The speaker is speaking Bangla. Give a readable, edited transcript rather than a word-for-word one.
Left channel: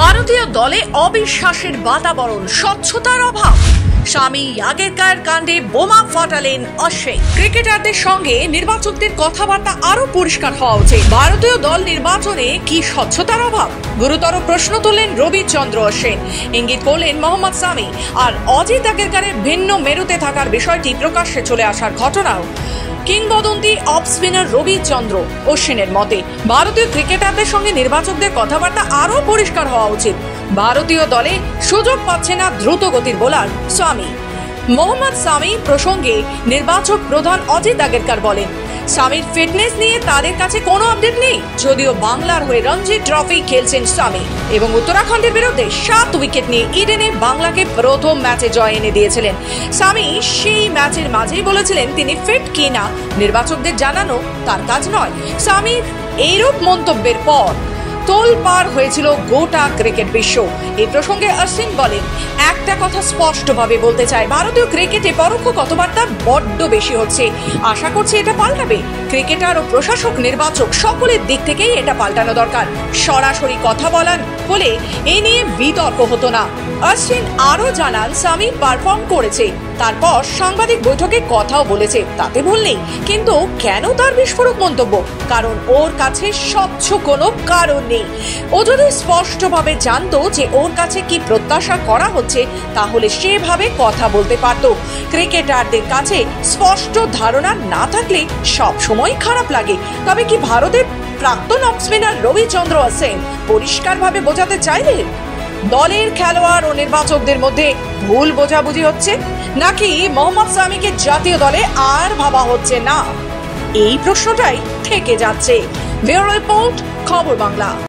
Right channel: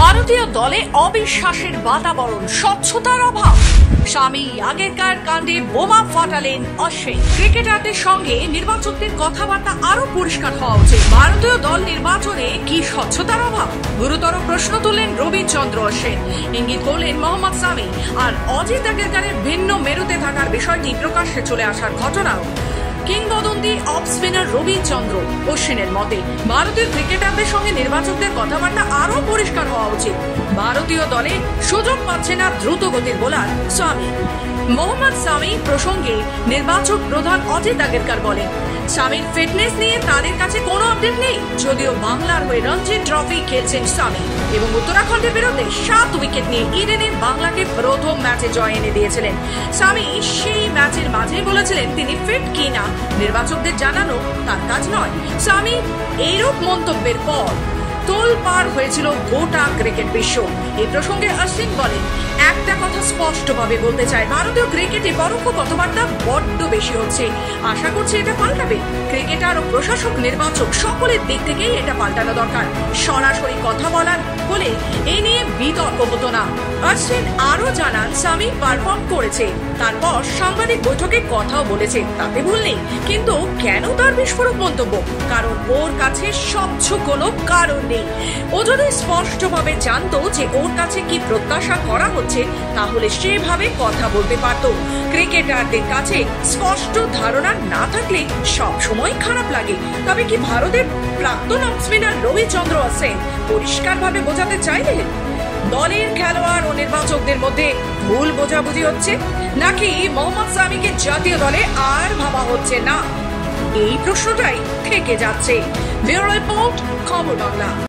ভারতীয় দলে অবিশ্বাসের বাতাবরণ, স্বচ্ছতার অভাব। স্বামী আগেকার কাণ্ডে বোমা ফাটালেন অশ্বিন। ক্রিকেটারদের সঙ্গে নির্বাচকদের কথাবার্তা আরো পরিষ্কার হওয়া উচিত। ভারতীয় দল নির্বাচনে কি স্বচ্ছতার অভাব? গুরুতর প্রশ্ন তুললেন রবিচন্দ্র অশ্বিন। ইঙ্গিত করলেন মোহাম্মদ সামি। আর অজিত আগেরকারের ভিন্ন মেরুতে থাকার বিষয়টি প্রকাশ্যে চলে আসার ঘটনাও। কিংবদন্তি অফ স্পিনার রবিচন্দ্র অশ্বিনের মতে ভারতীয় ক্রিকেটারদের সঙ্গে নির্বাচকদের কথাবার্তা আরো পরিষ্কার হওয়া উচিত। ভারতীয় দলে সুযোগ পাচ্ছে না দ্রুত গতির বোলার সামি। মোহাম্মদ সামি প্রসঙ্গে নির্বাচক প্রধান অজিত আগেরকার বলেন, সামির ফিটনেস নিয়ে তাদের কাছে কোনো আপডেট নেই। যদিও বাংলার হয়ে রঞ্জি ট্রফি খেলছেন সামি এবং উত্তরাখণ্ডের বিরুদ্ধে 7 উইকেট নিয়ে ইডেনে বাংলাকে প্রথম ম্যাচে জয় এনে দিয়েছিলেন। সামি সেই ম্যাচের মাঝেই বলেছিলেন তিনি ফিট কিনা নির্বাচকদের জানানো তার কাজ নয়। সামির এইরূপ মন্তব্যের পর তোলপাড় হয়েছিল গোটা ক্রিকেট বিশ্ব। এই প্রসঙ্গে অশ্বিন বলেন, একটা কথা স্পষ্টভাবে বলতে চায়, ভারতীয় ক্রিকেটে পরোক্ষ কথাবার্তা বড্ড বেশি হচ্ছে। আশা করছি এটা পাল্টাবে। ক্রিকেটার ও প্রশাসক, নির্বাচক সকলের দিক থেকেই এটা পাল্টানো দরকার। সরাসরি কথা বলার হলে এ নিয়ে বিতর্ক হতো না। অশ্বিন আরো জানান, সামি পারফর্ম করেছে, তারপর সাংবাদিক বৈঠকে কথাও বলেছে, তাতে ভুল নেই। কিন্তু কেন তার বিস্ফোরক মন্তব্য? কারণ ওর কাছে স্বচ্ছ কোনো কারণ নেই। ও যদি স্পষ্টভাবে জানতো যে ওর কাছে কি প্রত্যাশা করা হচ্ছে, তাহলে সেভাবে কথা বলতে পারত। ক্রিকেটারদের কাছে স্পষ্ট ধারণা না থাকলে সব সময় খারাপ লাগে। তবে কি ভারতের প্রাক্তন অফ স্পিনার রবিচন্দ্র অশ্বিন পরিষ্কারভাবে বোঝাতে চাইলেন দলের খেলোয়াড় ও নির্বাচকদের মধ্যে ভুল বোঝাবুঝি হচ্ছে, নাকি মোহাম্মদ সামিকে জাতীয় দলে আর ভাবা হচ্ছে না? এই প্রশ্নটাই থেকে যাচ্ছে। ব্যুরো রিপোর্ট, খবর বাংলা।